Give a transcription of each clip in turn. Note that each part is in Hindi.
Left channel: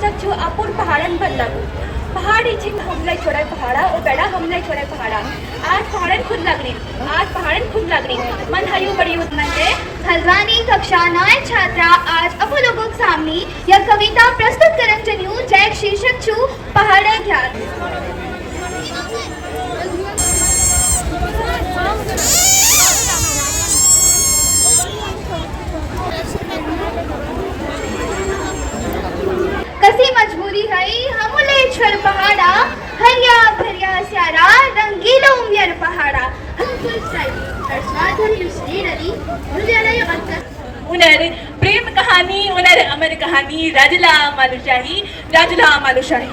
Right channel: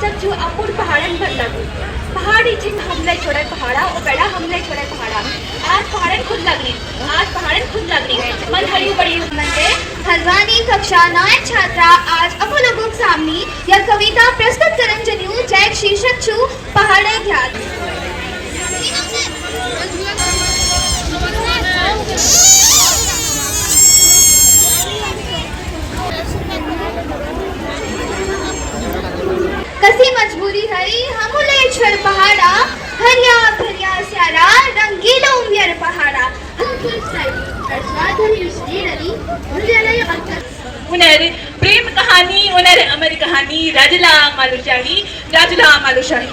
शीर्षक जो अपूर पहाड़न बदलागू पहाड़ी छिन हमलाई छोड़ा पहाड़ा और बेड़ा हमलाई छोड़ा पहाड़ा आज पहाड़न खुद लगनी मन हरी बड़ी मंदे हल्द्वानी कक्षा 9 छात्रा आज अपो लोगों के सामने यह कविता प्रस्तुत करन जन्यू जैक शीर्षक छु पहाड़े ध्यान। कसी मजबूरी हई हमले छड़ पहाड़ा हरिया भरिया स्यारा रंगीला उमियर पहाड़ा उनर प्रेम कहानी उनर अमर कहानी राजला मालूशाही।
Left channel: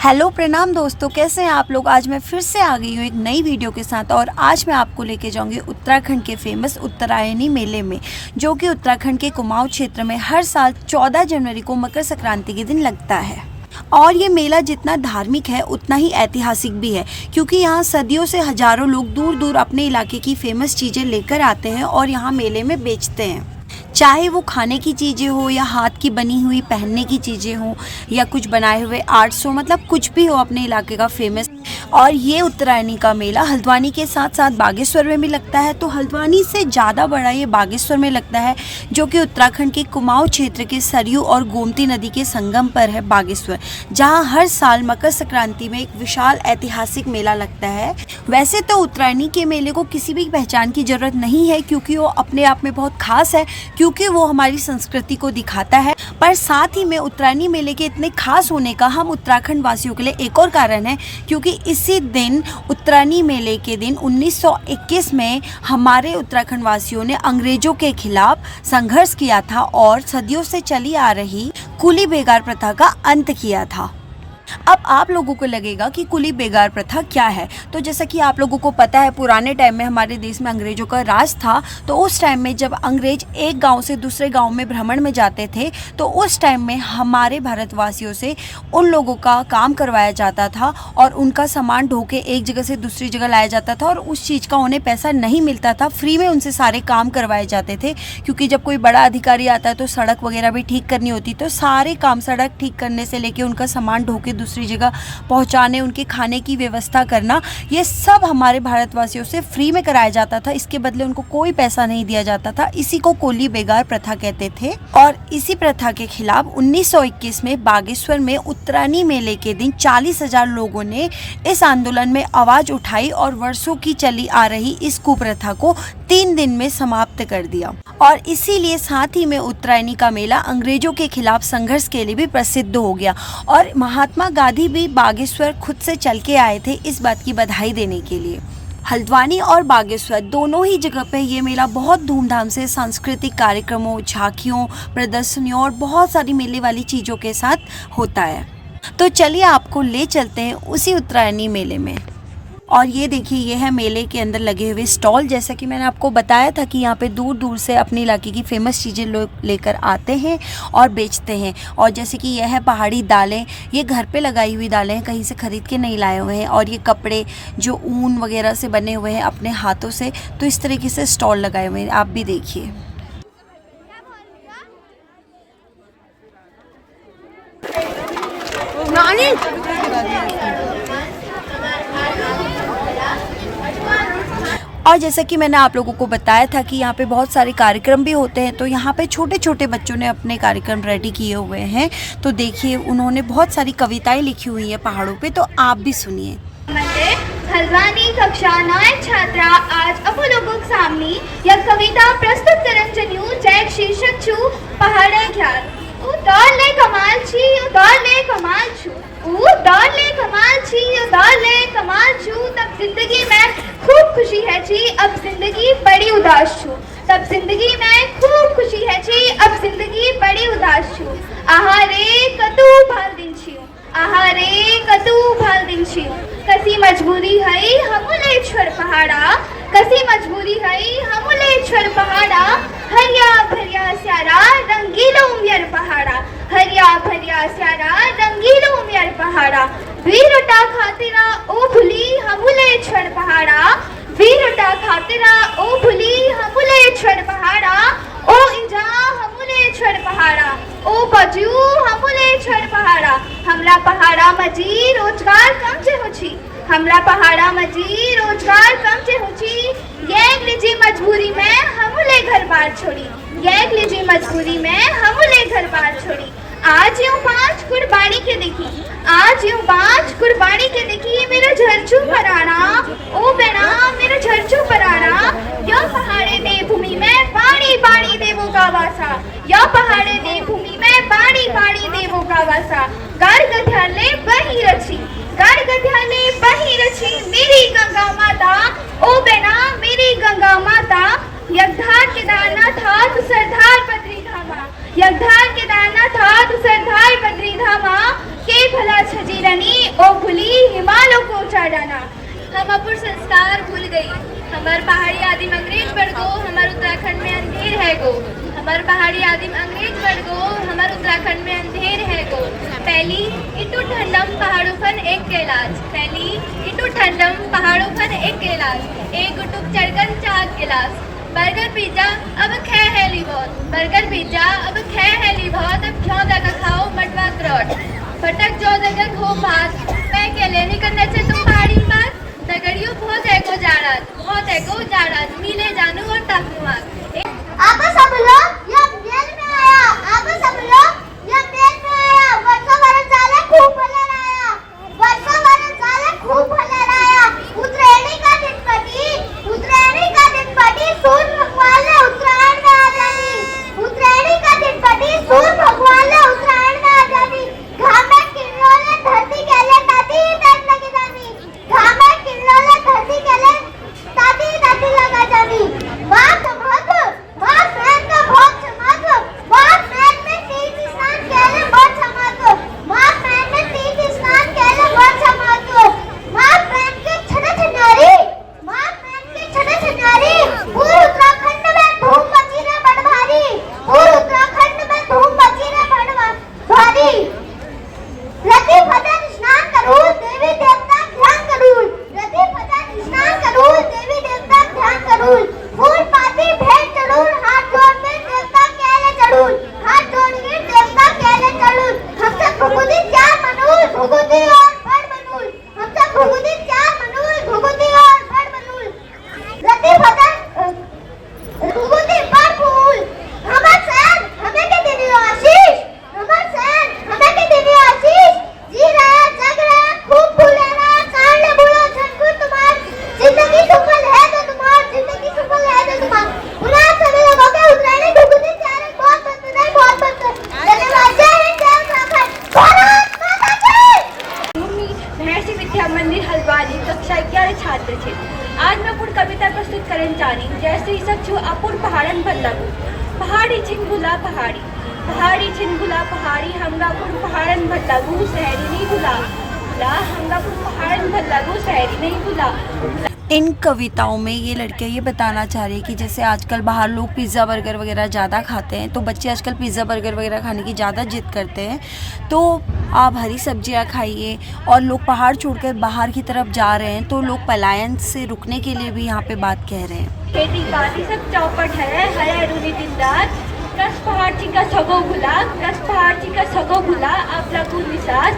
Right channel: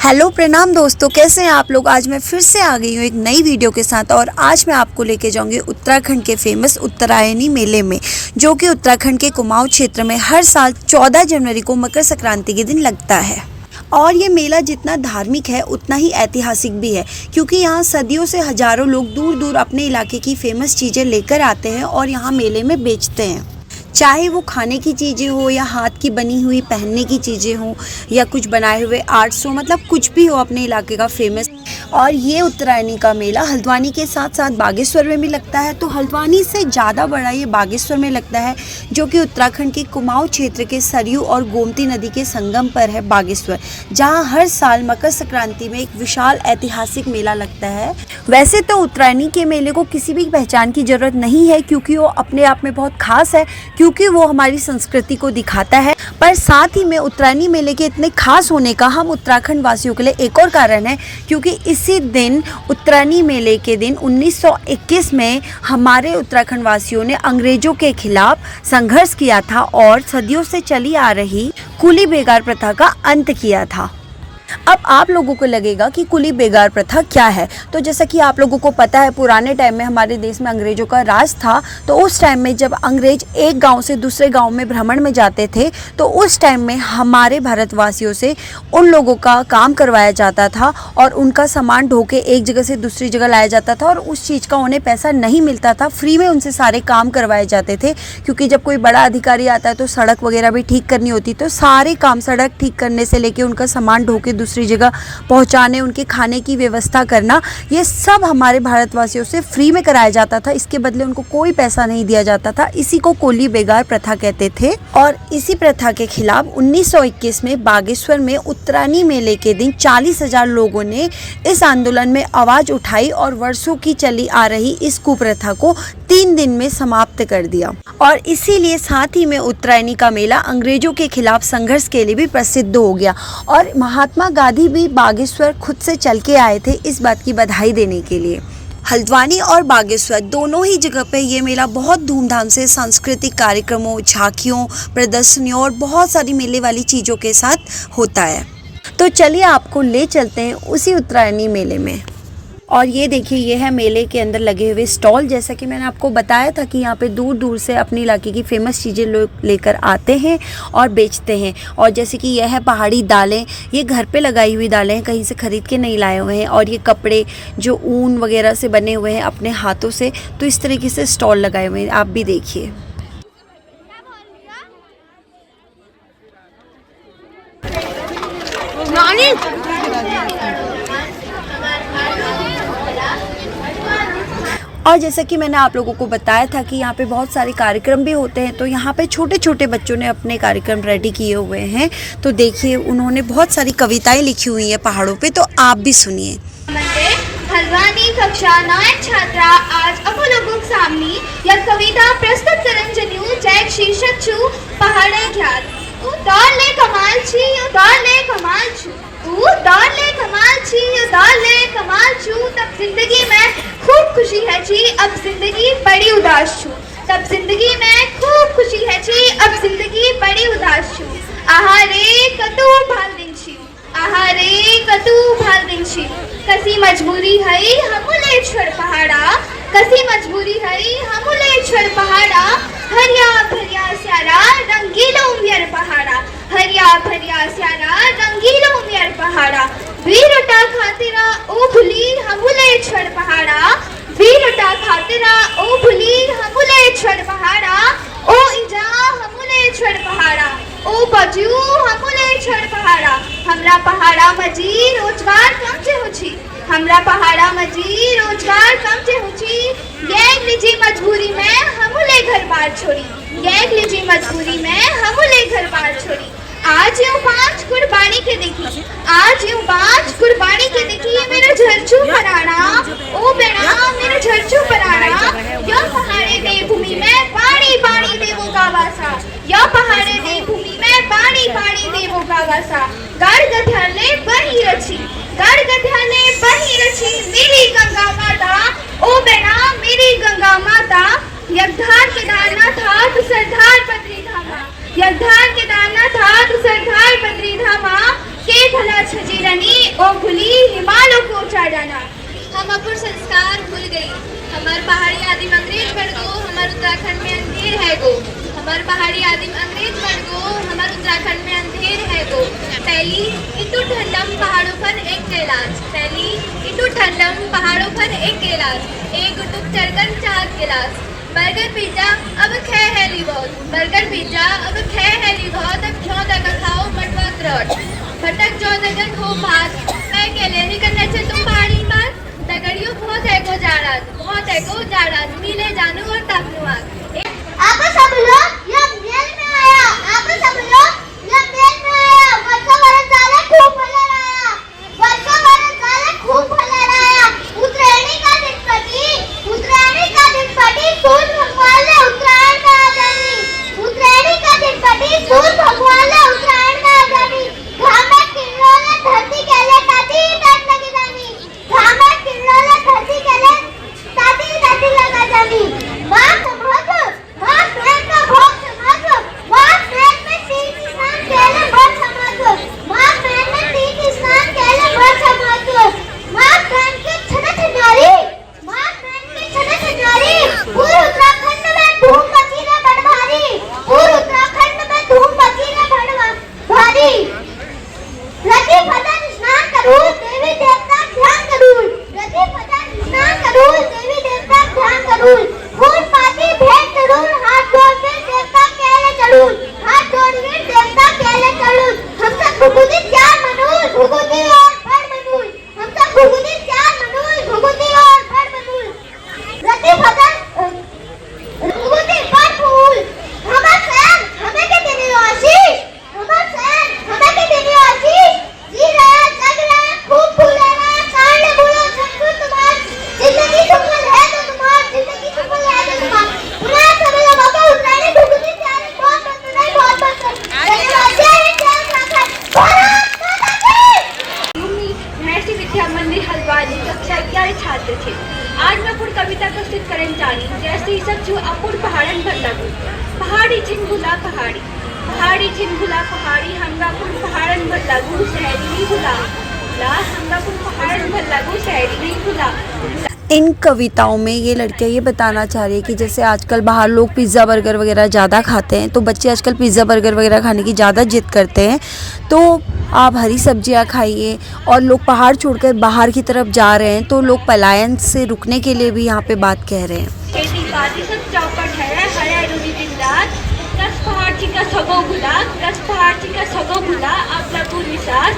हेलो प्रणाम दोस्तों, कैसे हैं आप लोग। आज मैं फिर से आ गई हूँ एक नई वीडियो के साथ और आज मैं आपको लेके जाऊंगी उत्तराखंड के फेमस उत्तरायणी मेले में, जो कि उत्तराखंड के कुमाऊं क्षेत्र में हर साल 14 जनवरी को मकर संक्रांति के दिन लगता है। और ये मेला जितना धार्मिक है उतना ही ऐतिहासिक भी है, क्योंकि यहाँ सदियों से हजारों लोग दूर दूर अपने इलाके की फेमस चीज़ें लेकर आते हैं और यहाँ मेले में बेचते हैं। चाहे वो खाने की चीज़ें हो या हाथ की बनी हुई पहनने की चीज़ें हो या कुछ बनाए हुए आर्ट्स हो, मतलब कुछ भी हो अपने इलाके का फेमस। और ये उत्तरायणी का मेला हल्द्वानी के साथ साथ बागेश्वर में भी लगता है। तो हल्द्वानी से ज़्यादा बड़ा ये बागेश्वर में लगता है, जो कि उत्तराखंड के कुमाऊं क्षेत्र के सरयू और गोमती नदी के संगम पर है बागेश्वर, जहाँ हर साल मकर संक्रांति में एक विशाल ऐतिहासिक मेला लगता है। वैसे तो उत्तरायणी के मेले को किसी भी पहचान की ज़रूरत नहीं है, क्योंकि वो अपने आप में बहुत खास है, क्योंकि वो हमारी संस्कृति को दिखाता है। पर साथ ही में उत्तरायणी मेले के इतने खास होने का हम उत्तराखंड वासियों के लिए एक और कारण है, क्योंकि इसी दिन उत्तरायणी मेले के दिन 1921 में हमारे उत्तराखंड वासियों ने अंग्रेजों के खिलाफ संघर्ष किया था और सदियों से चली आ रही कुली बेगार प्रथा का अंत किया था। अब आप लोगों को लगेगा कि कुली बेगार प्रथा क्या है। तो जैसा कि आप लोगों को पता है, पुराने टाइम में हमारे देश में अंग्रेजों का राज था। तो उस टाइम में जब अंग्रेज एक गांव से दूसरे गांव में भ्रमण में जाते थे, तो उस टाइम में हमारे भारतवासियों से उन लोगों का काम करवाया जाता था और उनका सामान ढो के एक जगह से दूसरी जगह लाया जाता था, और उस चीज़ का उन्हें पैसा नहीं मिलता था। फ्री में उनसे सारे काम करवाए जाते थे, क्योंकि जब कोई बड़ा अधिकारी आता है तो सड़क वगैरह भी ठीक करनी होती, तो सारे काम सड़क ठीक करने से लेके उनका सामान ढो के दूसरी जगह पहुंचाने, उनके खाने की व्यवस्था करना, ये सब हमारे भारतवासियों से फ्री में कराया जाता था। इसके बदले उनको कोई पैसा नहीं दिया जाता था। इसी को कुली बेगार प्रथा कहते थे। और इसी प्रथा के खिलाफ 1921 में बागेश्वर में उत्तरायणी मेले के दिन 40,000 लोगों ने इस आंदोलन में आवाज उठाई और वर्षों की चली आ रही इस कुप्रथा को 3 दिन में समाप्त कर दिया। और इसीलिए साथ ही में उत्तरायणी का मेला अंग्रेजों के खिलाफ संघर्ष के लिए भी प्रसिद्ध हो गया। और महात्मा गांधी भी बागेश्वर खुद से चल के आए थे इस बात की बधाई देने के लिए। हल्द्वानी और बागेश्वर दोनों ही जगह पे ये मेला बहुत धूमधाम से सांस्कृतिक कार्यक्रमों, झांकियों, प्रदर्शनियों और बहुत सारी मेले वाली चीज़ों के साथ होता है। तो चलिए आपको ले चलते हैं उसी उत्तरायणी मेले में। और ये देखिए, ये है मेले के अंदर लगे हुए स्टॉल। जैसा कि मैंने आपको बताया था कि यहाँ पे दूर दूर से अपने इलाके की फेमस चीज़ें लोग लेकर आते हैं और बेचते हैं। और जैसे कि यह है पहाड़ी दालें, ये घर पे लगाई हुई दालें हैं, कहीं से ख़रीद के नहीं लाए हुए हैं। और ये कपड़े जो ऊन वगैरह से बने हुए हैं अपने हाथों से, तो इस तरीके से स्टॉल लगाए हुए हैं, आप भी देखिए। और जैसा कि मैंने आप लोगों को बताया था कि यहाँ पे बहुत सारे कार्यक्रम भी होते हैं, तो यहाँ पे छोटे छोटे बच्चों ने अपने कार्यक्रम रेडी किए हुए हैं। तो देखिए, उन्होंने बहुत सारी कविताएं लिखी हुई हैं पहाड़ों पे, तो आप भी सुनिए। हल्द्वानी कक्षा 9 छात्रा आज अपो लोगों के सामने यह कविता प्रस्तुत करन जन्यू जैक शीर्षक छु पहाड़े ध्यान। दौड़ ले कमाल छी, दौड़ ले कमाल छु, दौड़ ले कमाल छी, दौड़ ले कमाल छु। तब जिंदगी में खूब खुशी है छी, अब जिंदगी बड़ी उदास छु। तब जिंदगी में खूब खुशी है छी, अब जिंदगी बड़ी उदास छु। आहा रे कतू भाल दिन छियो, आहा रे कतू भाल दिन छियो। कसी मजबूरी हई हमले छोड़ पहाड़ा, कसी मजबूरी हई हमले छोड़ पहाड़ा। हरिया भरिया स्यारा रंगीला उमियर पहाड़ा, हरिया भरिया स्यारा रंगीला उमियर पहाड़ा। वीरटा खातिरा ओ भूली हमले छोड़ पहाड़ा, वीरटा खातिरा ओ भूली हमले छोड़ पहाड़ा। ओ इंजा हमले छोड़ पहाड़ा, ओ बजू हमले छोड़ पहाड़ा। पहाड़ा हमला पहाड़ा मजी रोजगार कम से होची हमला पहाड़ा मजी रोजगार कम से होची ये निजी मजबूरी में हमले घर बार छोड़ी ये निजी मजबूरी में हमले घर बार छोड़ी आज यूं पांच कुर्बानी के देखी आज यूं पांच कुर्बानी के देखी ये मेरा झरछू पराना ओ बेड़ा मेरा झरछू पराना यो पहाड़े दे भूमि में पानी पानी देवो का वासा यो पहाड़े दे भूमि में पानी पानी देवो का वासा गढ़ गध्याले बही रची गढ़ गध्याले बही रची मेरी गंगा माता ओ बेड़ा मेरी गंगा माता यज्ञार केदारनाथ हाथ सरदार बद्री धामा यज्ञार केदारनाथ हाथ सरदार बद्री धामा के भला छजीरनी ओ भूली हिमालयों को चढ़ाना हम अपुर संस्कार भूल गई हमार पहाड़ी आदिम अंग्रेज बढ़ गो हमार उत्तराखंड में अंधेर है गो हमार पहाड़ी आदिम अंग्रेज बढ़ गो हमार उत्तराखंड में अंधेर है गो पहली इतु ठंडम पहाड़ों पर एक कैलाश पहली इतु ठंडम पहाड़ों पर एक कैलाश एक गुटुक चढ़कर 4 गिलास बर्गर पिज्जा अब खे है ली बहुत बर्गर पिज्जा अब खे है ली बहुत अब क्यों जगह खाओ मटवा क्रोट भटक जो जगह खो भात मैं केले नहीं करना चाहिए तुम पहाड़ी बात दगड़ियों बहुत है को जाड़ा मिले जानू और ताकनुआ आप सब लोग ये मेल में आया आप सब लोग ये मेल में आया वर्षा वाला साले खूब फैला रहा वर्षा वाला साले खूब फैला रहा उतरेणी का दिन पटी सूर्य भगवान ने उत्तरायण में आ जानी उतरेणी का दिन पटी सूर्य भगवान ने उत्तरायण में आ जानी घाम में किरणों ने धरती के लिए ताती डांट लगी जानी घाम में किरणों ने धरती के लिए ताती लगा जानी मां प्रेम का भोग समाज मां प्रेम में तीर्थ स्नान केले भोग समाज मां प्रेम में तीर्थ स्नान केले भोग समाज मां प्रेम के छठे छनारी मां प्रेम के छठे छनारी पूरे उत्तराखंड में धूम मची रे बड़ भारी पूरे उत्तराखंड में धूम मची रे बड़ भारी रति भजन स्नान करूं देवी देवता ध्यान करूं रति भजन स्नान करूं देवी देवता ध्यान करूं फूल पाती भेंट करूं हाथ जोड़ के देवता केले चढ़ूं हाथ जोड़ के देवता केले चढ़ूं हमसे भुगुदी चार मनूल भुगुदी और बड़ मनूल हमसे भुगुदी चार मनूल भुगुदी और बड़ मनूल रति भजन भुगुदी बड़ फूल हमर सैन हमें के देनी आशीष हमर सैन हमें के देनी आशीष जी रहा जग रहा खूब फूले रहा कांड बोलो सबको तुम्हार जिंदगी सफल है तो तुम्हार जिंदगी सफल है तो तुम्हार पुराना समय लोगों का उत्तरायणी भुगुदी चार बहुत धन्यवाद जय उत्तराखंड भारत माता की महर्षि विद्या मंदिर हल्द्वानी कक्षा 11 छात्र थे आज मैं पूर्ण कविता प्रस्तुत करने जानी जैसे ही सब जो अपूर्ण पहाड़न पर लगू पहाड़ी छिंगुला पहाड़ी छिंगुला पहाड़ी हंगापुर पहाड़न पर लगू शहरी नहीं भुला हंगापुर पहाड़न पर लगू शहरी नहीं भुला इन कविताओं में ये लड़कियाँ ये बताना चाह रही है कि जैसे आजकल बाहर लोग पिज़्ज़ा बर्गर वगैरह ज़्यादा खाते हैं तो बच्चे आजकल पिज़्ज़ा बर्गर वगैरह खाने की ज़्यादा जिद करते हैं तो आप हरी सब्जियां खाइए और लोग पहाड़ छोड़कर बाहर की तरफ जा रहे हैं तो लोग पलायन से रुकने के लिए भी यहाँ पे बात कह रहे हैं खेती बाती सब चौपट है हरे रुनी दिन रात कस पहाड़ का सगो भुला आप लगू विश्वास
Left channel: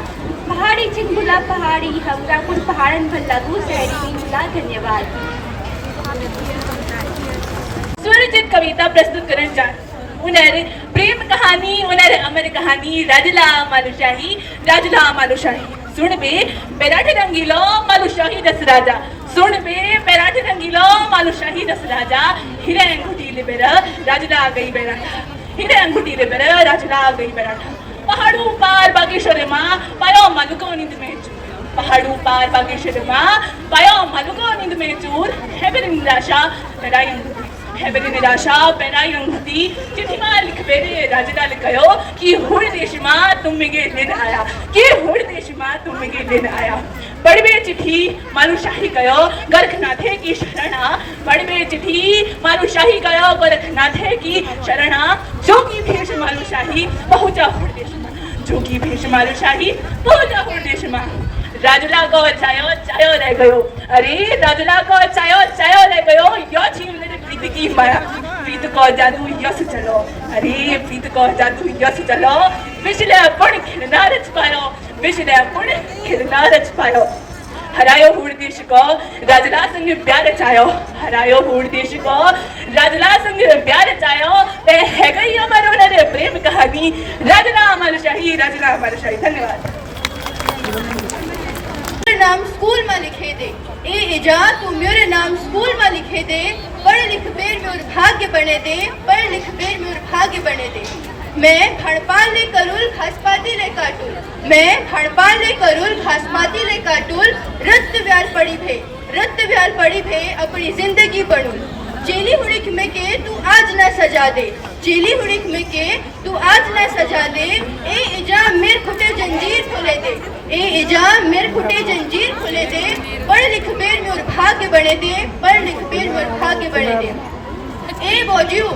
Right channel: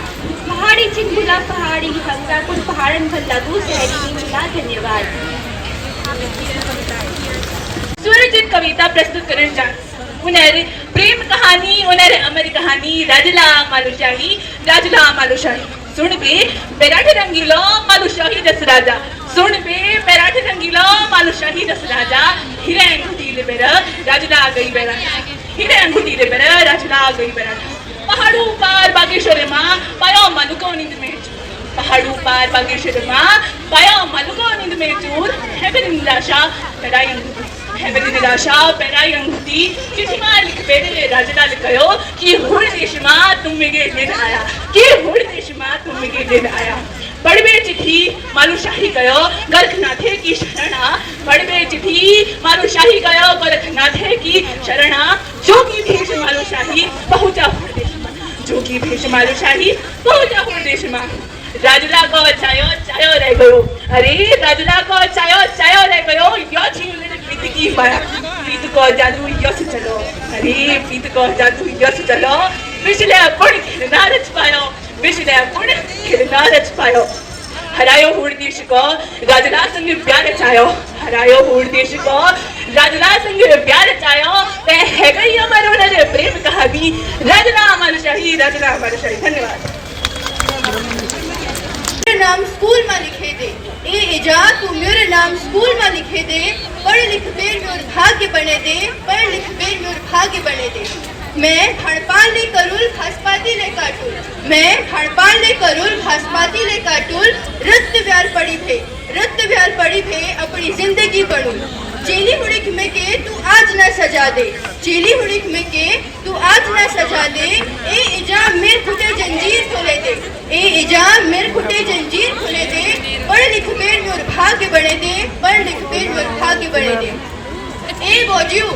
पहाड़ी चिंगुला पहाड़ी हंगापुर पहाड़न भर लगू शहरी नहीं भुला धन्यवाद सुरजित कविता प्रस्तुत करने जा उन्हें प्रेम कहानी उन्हें अमर कहानी राजला मालुशाही सुन बे बेराठे रंगीलो मालुशाही दस राजा सुन बे बेराठे रंगीलो मालुशाही दस राजा हिरे अंगूठी ले बेरा राजला आ गई बेरा हिरे अंगूठी ले बेरा राजला आ गई बेरा पहाड़ों पार बागेश्वर माँ पायो मनुको नींद में पहाड़ों पार बागेश्वर माँ पायो मनुको नींद में चूर हेबेरी निराशा पेराई अंगूठी चिट्ठी मां लिख बेरे राजला लिखयो कि हुड़ देश मां तुम मेगे लेन आया कि हुड़ देश मां तुम मेगे लेन आया बड़बे चिट्ठी मालूशाही कयो गरखनाथे की शरणा बड़बे चिट्ठी मालूशाही कयो गरखनाथे की शरणा जोगी भेष मालूशाही पहुंचा हुड़ देश मां जोगी भेष मालूशाही पहुंचा हुड़ देश मां राजला को चायो रह गयो अरे राजला को चायो रह गयो यो छीन ले प्रीत की माया प्रीत को जादू यस चलो अरे प्रीत को जादू यस चलो विसले पण खेळणारच पायो विसले पण खेळणारच पायो हरायो हुड़ देश को राजला संग प्यार चायो हरायो हुड़ देश को राजला संग प्यार चायो ते है गई हमारो नर प्रेम कहानी राजना अमरशाही धन्यवाद मेरे नाम स्कूल में लिखे दे ए इजा तू मेरे नाम स्कूल में लिखे दे पढ़ लिख बेर मोर भाग्य बने दे पढ़ लिख बेर मोर भाग्य बने दे मैं हड़पाल ले करूल घासपाती ले काटूल मैं हड़पाल ले करूल घासपाती ले काटूल रक्त व्याल पड़ी भे अपनी जिंदगी बनूं चेली हुड़िक में के तू आज ना सजा दे चेली हुड़िक में के तू आज ना सजा दे ए इजा मेर खुटे जंजीर खोले दे ए इजा मेर खुटे जंजीर खोले दे पढ़ लिख बेर मोर भाग्य बने दे पढ़ लिख बेर मोर भाग्य बने दे ए बौजियो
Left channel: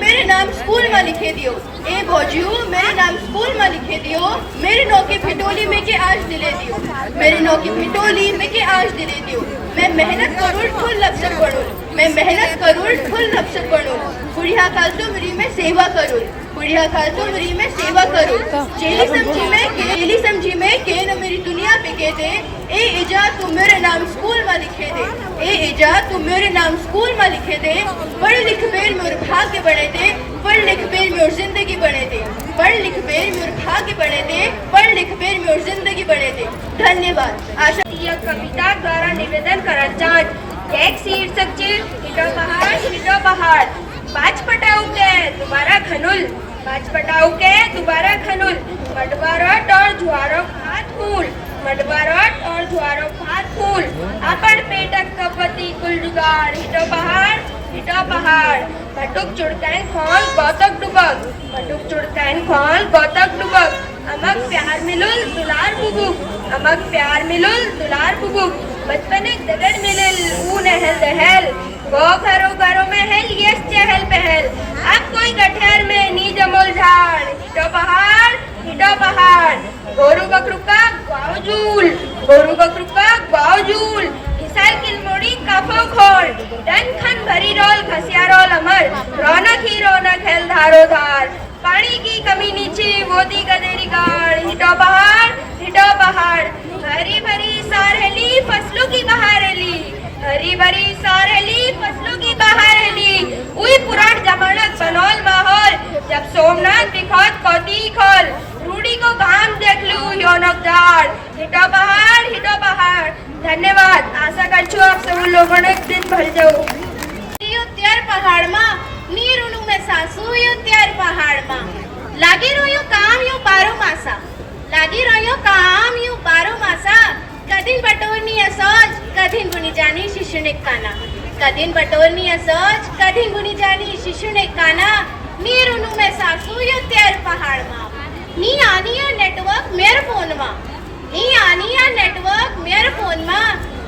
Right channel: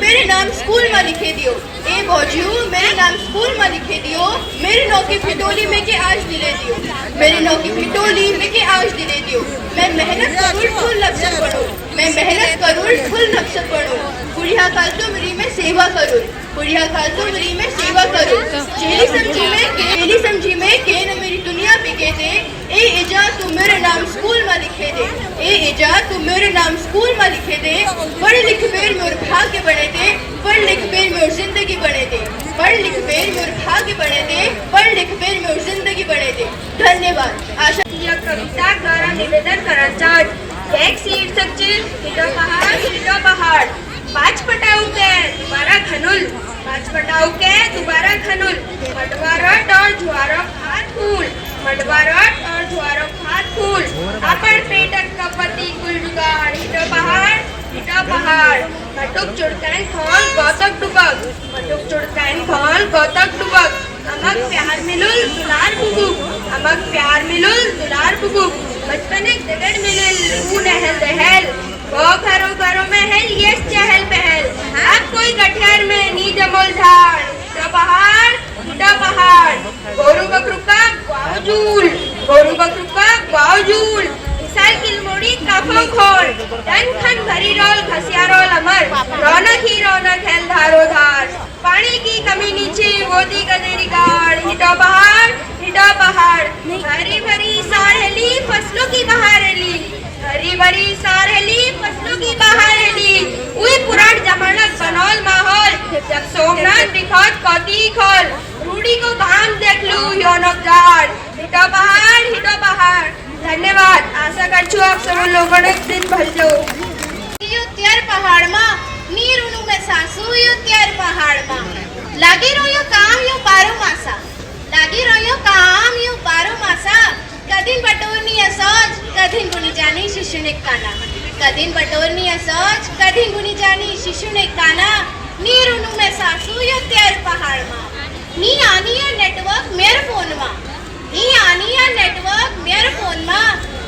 मेरे नाम स्कूल में लिखे दियो ए बौजियो मेरे नाम स्कूल में लिखे दियो मेरे नौकी फिटोली में के आज दिले दियो मेरी नौकी फिटोली में के आज दिले दियो मैं मेहनत करूँ फुल लक्ष्य पढ़ूं मैं मेहनत करूँ फुल लक्ष्य पढ़ूं बुढ़िया काल तुमरी में सेवा करूँ बुढ़िया काल तुमरी में सेवा करूँ चेली समझी में के न मेरी दुनिया बिके दे ए इजा तू मेरे नाम स्कूल में लिखे दे ए इजा तू मेरे नाम स्कूल में लिखे दे पढ़ लिख बेर मोर भाग्य बने दे पढ़ लिख बेर मोर जिंदगी बने दे पढ़ लिख बेर मोर भाग्य बने दे पढ़ लिख बेर मोर जिंदगी बने दे धन्यवाद आशा यह कविता द्वारा निवेदन करंचाट एक सीट सच्चिल हिटो पहाड़ पांच पटाऊ के दोबारा खनुल पांच पटाऊ के दोबारा खनुल मडवारट और जुआरो भात फूल मडवारट और जुआरो भात फूल अपन पेटक कपति कुल जुगाड़ हिटो पहाड़ मटुक चुड़कैन खोल गौतक डुबक मटुक चुड़कैन खोल गौतक डुबक अमक प्यार मिलुल दुलार बुबुक अमक प्यार मिलुल दुलार बुबुक बचपन एक दगड़ मिलल ऊ नहल दहल वो घरों में है ये चहल पहल अब कोई गठेर में नी जमोल झाड़ हिटो पहाड़ गोरू बकरू का बावजूल मिसाइल किलमोड़ी काफो खोल डन खन भरी रोल घसिया रोल अमर रौनक ही रौनक है धारो धार पानी की कमी नीचे गोदी गदेरी गाड़ हिटो पहाड़ हरी भरी सारेली फसलों की बहारेली हरी भरी सारेली फसलों की बहारेली उई पुराण जमानत बनौल माहौल जब सोमनाथ दिखौत कौती खोल रूढ़ी को काम देख लू योनक जाड़ हिटो पहाड़ धन्यवाद आशा करछू आप सब लोगों ने दिन भर जाओ त्यार पहाड़ में नीर उनु में सासू यो त्यार पहाड़ में लागी रोयो काम यो बारो मासा कदीन बटोरनी असोज कदीन गुनी जानी शिशुने काना कदीन बटोरनी असोज कदीन गुनी जानी शिशुने काना नीर उनु में सासू यो त्यार पहाड़ में नी आनी या नेटवर्क मेरे फोन में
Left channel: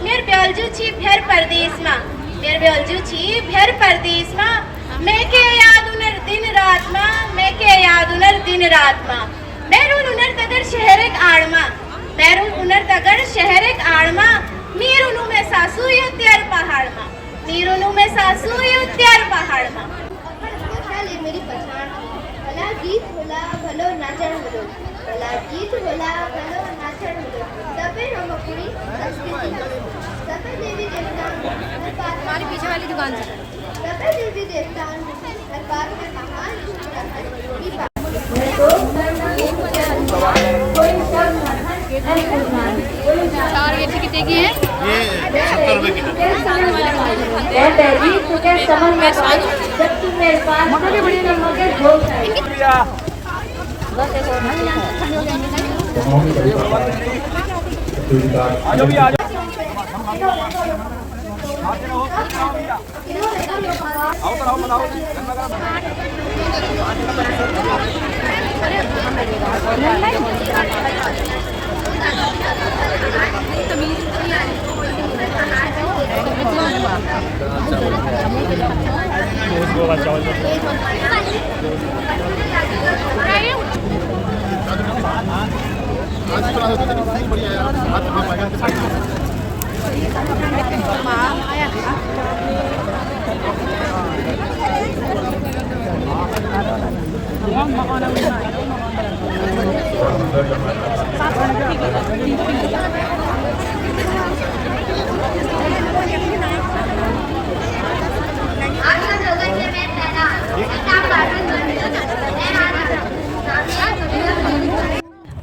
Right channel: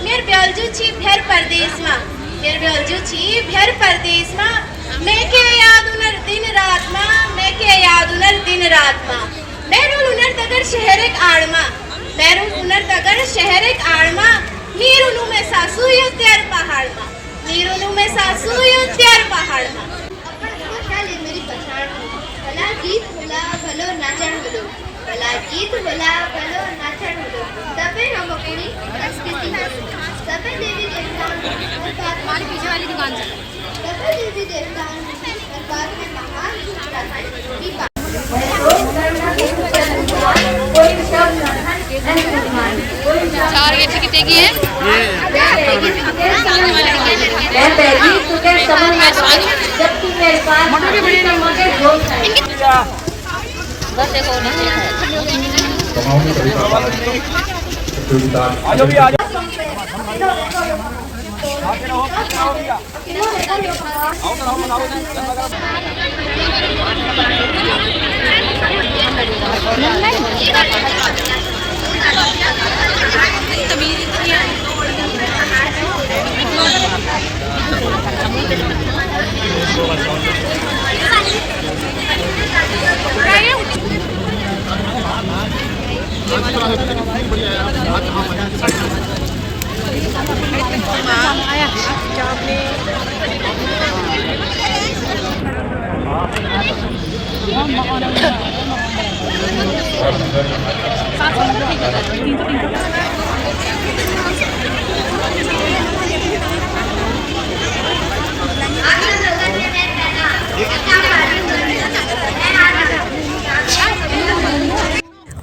मेरे ब्यालजू छी भेर परदेश में मैं के याद उनर दिन रात में बैरून उनर तगर शहर एक आड़ में नीर उनु में सासू यो त्यार पहाड़ में मेरी पहचान भला गीत होला भलो नाचन होलो तबे हम अपनी संस्कृति तबे देवी देवता हमारी पीछे वाली दुकान से तबे देवी देवता दरबार में महान चार गेट कितने की है मैं पहली तुझे समझ में आई जब तू मेरे पास आई तो मुझे होश आई बस एक और नीचे है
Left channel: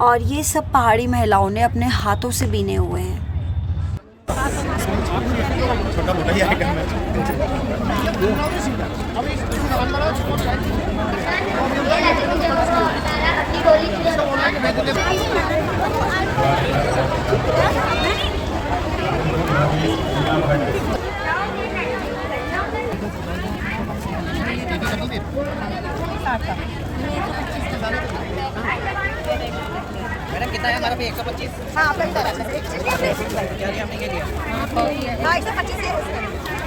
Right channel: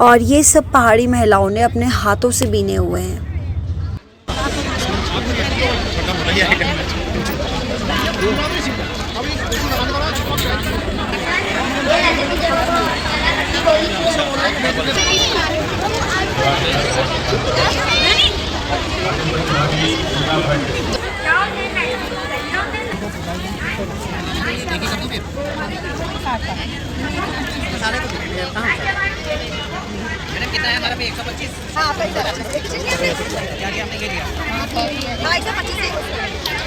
और ये सब पहाड़ी महिलाओं ने अपने हाथों से बीने हुए हैं। कितना है हमारा पे 125? हाँ आपका कितना है? हमने ये लिया। हाँ इसका 25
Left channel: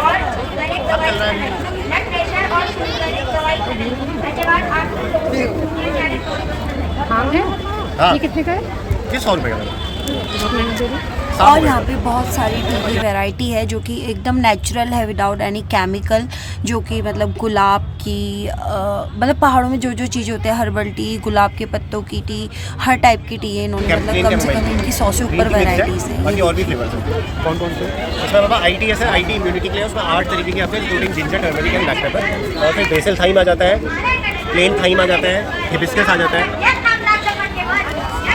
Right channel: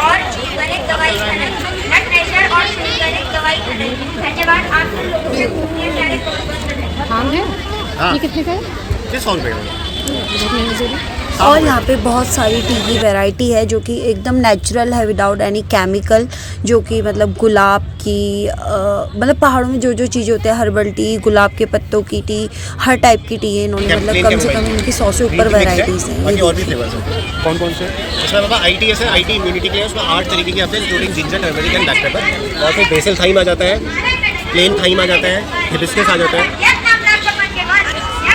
और शुगर एक दवाई ब्लड प्रेशर और शुगर एक दवाई धन्यवाद आप सब लोगों से घूमने जाने को ये कितने का है? 100 रुपये का। और यहाँ पे बहुत सारी टी की वैरायटी है जो कि एकदम नेचुरल है, विदाउट एनी केमिकल, जो कि मतलब गुलाब की मतलब पहाड़ों में जो जो चीज़ होते हैं, हर्बल टी, गुलाब के पत्तों की टी, हर टाइप की टी है इन्होंने, मतलब कम से कम इनकी 100 से ऊपर वैरायटीज हैं। बाकी और भी फ्लेवर्स हैं। कौन कौन से? इसमें बाबा आईटी है, आईटी इम्यूनिटी के लिए उसमें 8 तरीके की आते हैं, including ginger, turmeric and black pepper. और फिर बेसल थाइम आ जाता है, प्लेन थाइम आ जाता है, हिबिस्कस आ जाता है,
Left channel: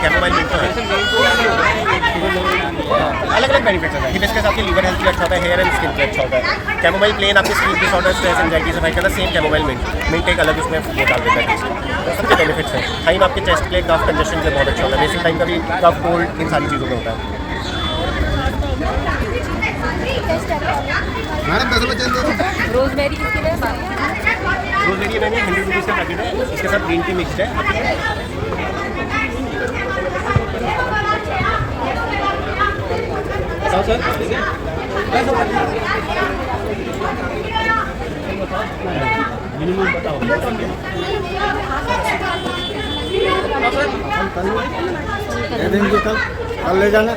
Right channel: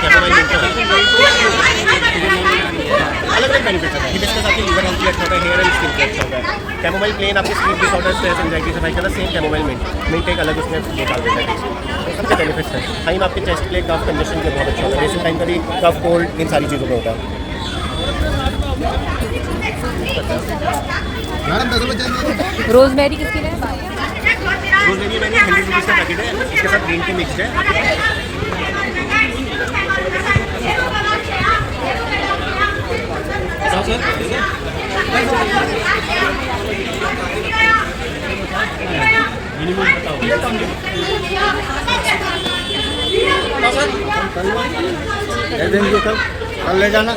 कैमोमाइल मिंट अलग अलग बेनिफिट्स होता है। हिबिस्कस आपकी लीवर हेल्थ के लिए अच्छा होता है, हेयर एंड स्किन के लिए अच्छा होता है। कैमोमाइल प्लेन आपके स्लीप डिसऑर्डर, स्ट्रेस, एंजाइटी से फाइट करता है। सेम कैमोमाइल मिंट एक अलग उसमें वो डाल देता है। तो सबके बेनिफिट्स हैं। थाइम आपके चेस्ट के लिए, कफ कंजेशन के लिए बहुत अच्छा होता है। बेसिक टाइम का भी कफ, कोल्ड, इन सारी चीज़ों में होता है। रोजमेरी किसके लिए? रोजमेरी मैंने 100 रुपीज़ का पैकेट है, इसके साथ ग्रीन टी मिक्स है। ले जाना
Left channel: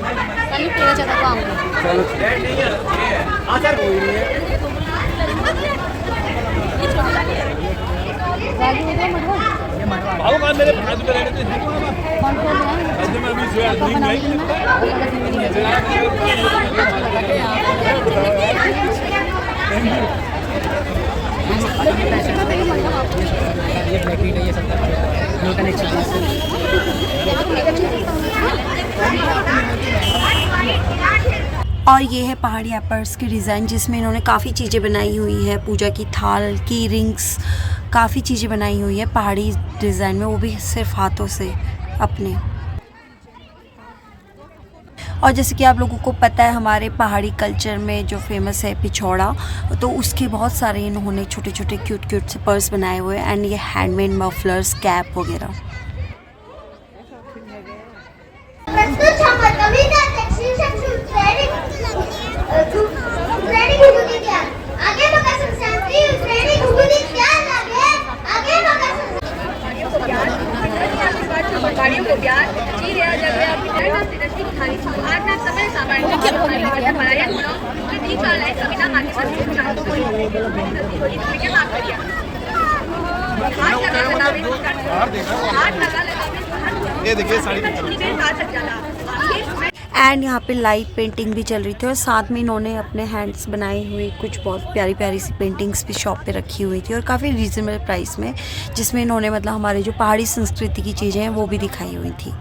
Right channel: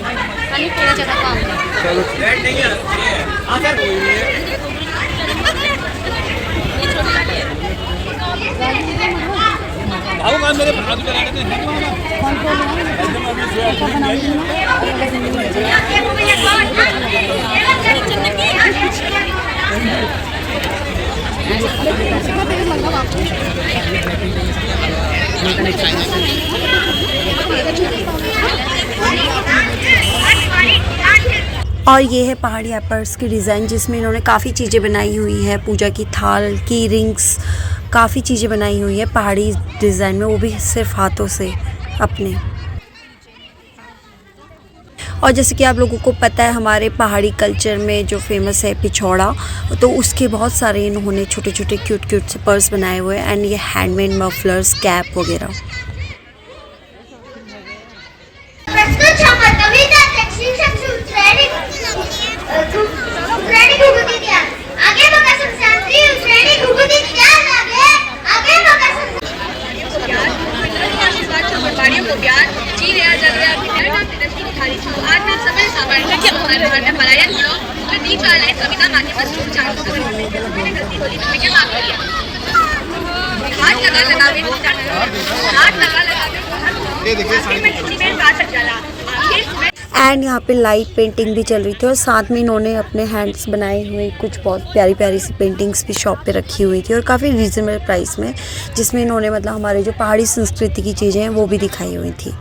और ये है पहाड़ी एपर्स की डिज़ाइन, जिसमें इन्होंने काफ़ी चीज़ें बनाई हुई है, पूजा की थाल की रिंग्स, काफ़ी चीज़ें बनाई हुई है पहाड़ी डिज़ाइन में, वो भी सिर्फ हाथों से अपने। और जैसे कि आप लोगों को पता है हमारे पहाड़ी कल्चर में जो फेमस है पिछौड़ा, तो उसके बहुत सारे इन्होंने छोटे छोटे क्यूट क्यूट से पर्स बनाए हुए हैं, एंड ये हैंडमेड मफलर्स, कैप वगैरह। एंड यहाँ पे लाइट पेंटिंग भी चल रही थी, और साथ में इन्होंने अपने हैंड्स बनाई हुई कुछ बहुत प्यारी प्यारी सी पेंटिंग्स भी शॉप पे रखी हुई थी, और काफ़ी रीज़नेबल प्राइस में, जिसमें इन्होंने मतलब हमारे जो पहाड़ी संस्कृति की चीज़ें हैं वो भी दिखाई हुई थी।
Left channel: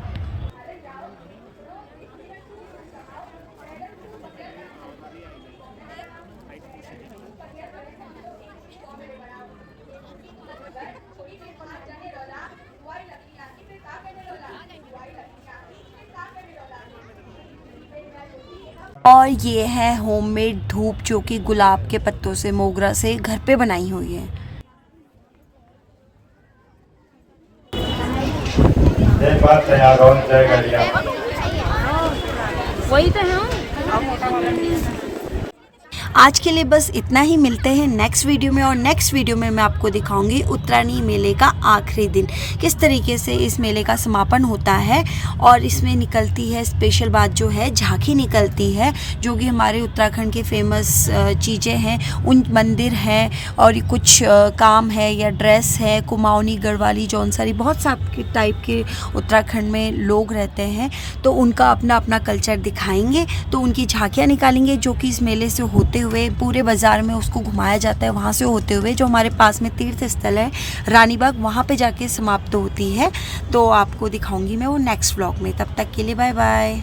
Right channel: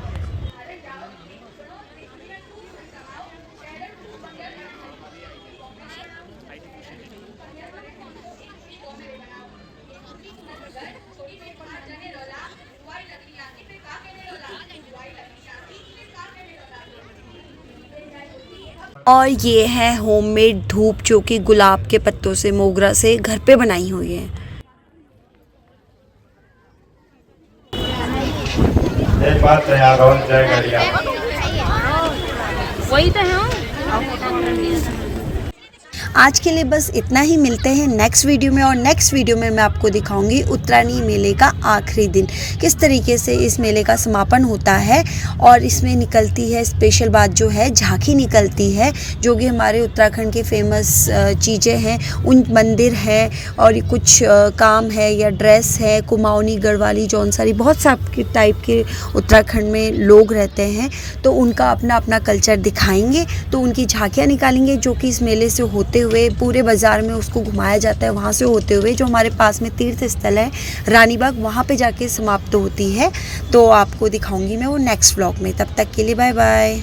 और ये है होममेड धूप, जो कि गुलाब के पत्तों से, मोगरा से घर पे बनाई हुई है। वही तो है। आज के लिए बस इतना ही, मिलते हैं नेक्स्ट वीडियो में। और नेक्स्ट वीडियो में मैं आपको दिखाऊंगी उत्तरायणी मेले का आखिरी दिन किस तरीके से इस मेले का समापन होता है। और इसमें निकलती है स्पेशल बात जो है, झांकी निकलती है, जो कि हमारे उत्तराखंड के फेमस चीज़ें हैं, उन मंदिर हैं और कुछ काम है या ड्रेस है, कुमाऊनी, गढ़वाली, जौनसारी, बहुत सा टाइप के उत्तराखंड में लोग रहते हैं, तो उनका अपना अपना कल्चर दिखाएंगे। तो उनकी झांकियाँ निकालेंगे जो कि इस मेले से होते हुए पूरे बाज़ार में उसको घुमाया जाता है, वहाँ से होते हुए जो हमारे पास में तीर्थ स्थल है रानीबाग, वहाँ पे जाके समाप्त होती है। तो आपको दिखाऊंगी मैं वो नेक्स्ट व्लॉग में। तब तक के लिए बाय बाय।